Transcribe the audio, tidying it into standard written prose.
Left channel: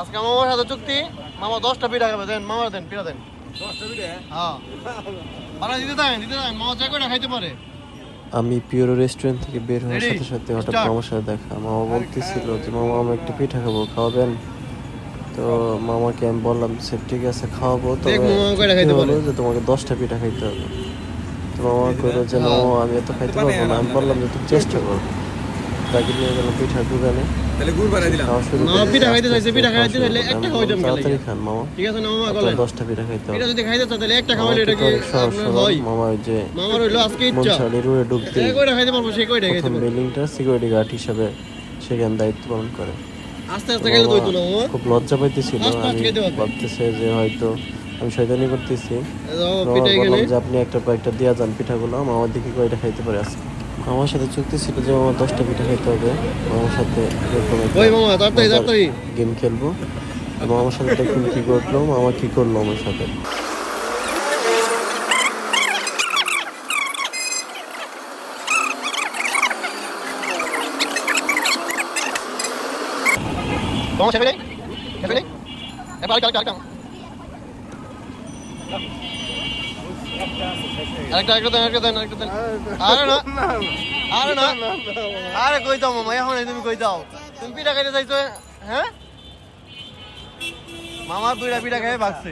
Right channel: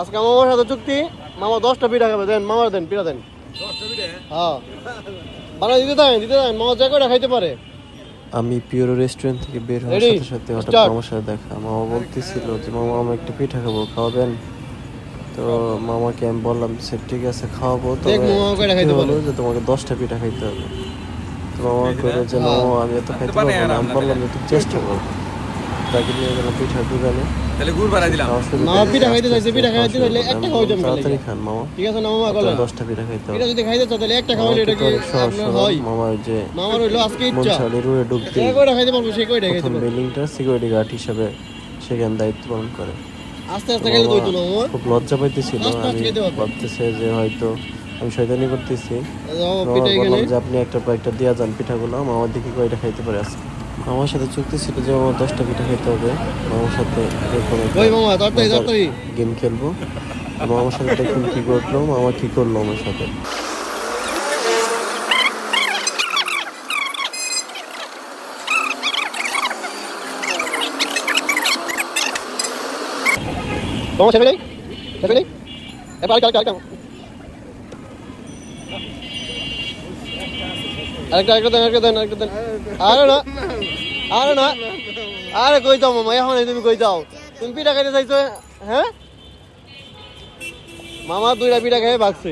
আজকে মামার সাথে চুক্তি, মামা 10টা পিঠা খাবে, দেন মামার দেন পিঠা দেন। 10টা পিঠা? হ্যাঁ দাঁড়া, দিতে দেন, মামা যে কয়টা খাইতে পারে। আমি পিওর রেস্টুরেন্ট থেকে বের হওয়ার Ready? সাথে সাথে হঠাৎ Start. মামার সাথে দেখা। মামা বলতেছিল যে মামা আমি একটা পিঠা খাবো, খাওয়াবেন? তো মামাকে আমি বললাম সে ঠিক আছে খাওয়াবো, তবে দেখ মামা কয়টা চুক্তি খাইতে হলো পারে। যে তোমাকে 10টা পিঠা খাইতে হবে। তো মামা কইলো যে না মামা, আমি এত খাইতে পারবো না। আমি বললাম যে তুমি চেষ্টা করো। তাকে নিয়ে গেলাম পিঠার দোকানে, তাহলে গুড় বানাই দিলাম। খাওয়া শুরু মামা করলাম। পিঠা খাইতে আস্তে চাইছে, আস্তে পিঠা খাওয়া খাইতে শুরু চাইলে করলাম। একটা আমি খাওয়াই বললাম জমে তাড়াতাড়ি লাগে। খান মামা, ঠিক আছে না মামা, আপনার বলেন 10টা পিঠা খাইতে হবে। পিঠা যদি খাইতে চাও তাহলে একটা মামা খাওয়াইলে এটা কিন্তু কি অনেক সহজ আপনার সরল। হয়? মামা ওই যে মামার হইলো আজকে ইচ্ছা, মনসালি রুয়ে ডুব যে দিই, কয়টা খাইতে পারবো সে কয়টা খাইতে প্রথম পারবে। বিল্ডিংটা সিকিউরিটি গার্ড হিসাবে সেখানে দায়িত্ব পালন করে। আস্তে তো আস্তে খাইলে তো মামা হইতো না মামা, খুব লজ্জা পাইতেছিল। ফাস্ট ফাস্ট আমি খাইতে পারবে। ভাবতেছে যে হয়তো আমি শয়তানি করতেছি। মামা মামা পিঠা বললাম এখানে। যে আপনি একটা কয়েকটা দিয়া যান পিঠাগুলো, মামা দেখি কয়টা খাইতে পারে আজকে। মামার সাথে চুক্তি ছিল যে আমার 10টা পিঠা খাইতে হবে। মামার সাথে এরকম একটা ওই মামা তাড়াতাড়ি মজার তাড়াতাড়ি। গেম খেলবো। তো মামার সাথে দেখুন কি করলো, মামা কি করলো আমার সাথে। মামা খেতে নেই, খেতে নেই, এবার আরেকটা আরেকটা আরেকটা দেন। আরে না, আরে না, আরে কই যাও মামা, এখন তুমি কই যাও? তুমি পিঠা খাইতে চাইছো? হ্যাঁ মামা 2টা পিঠা খেয়ে বাঁচছে।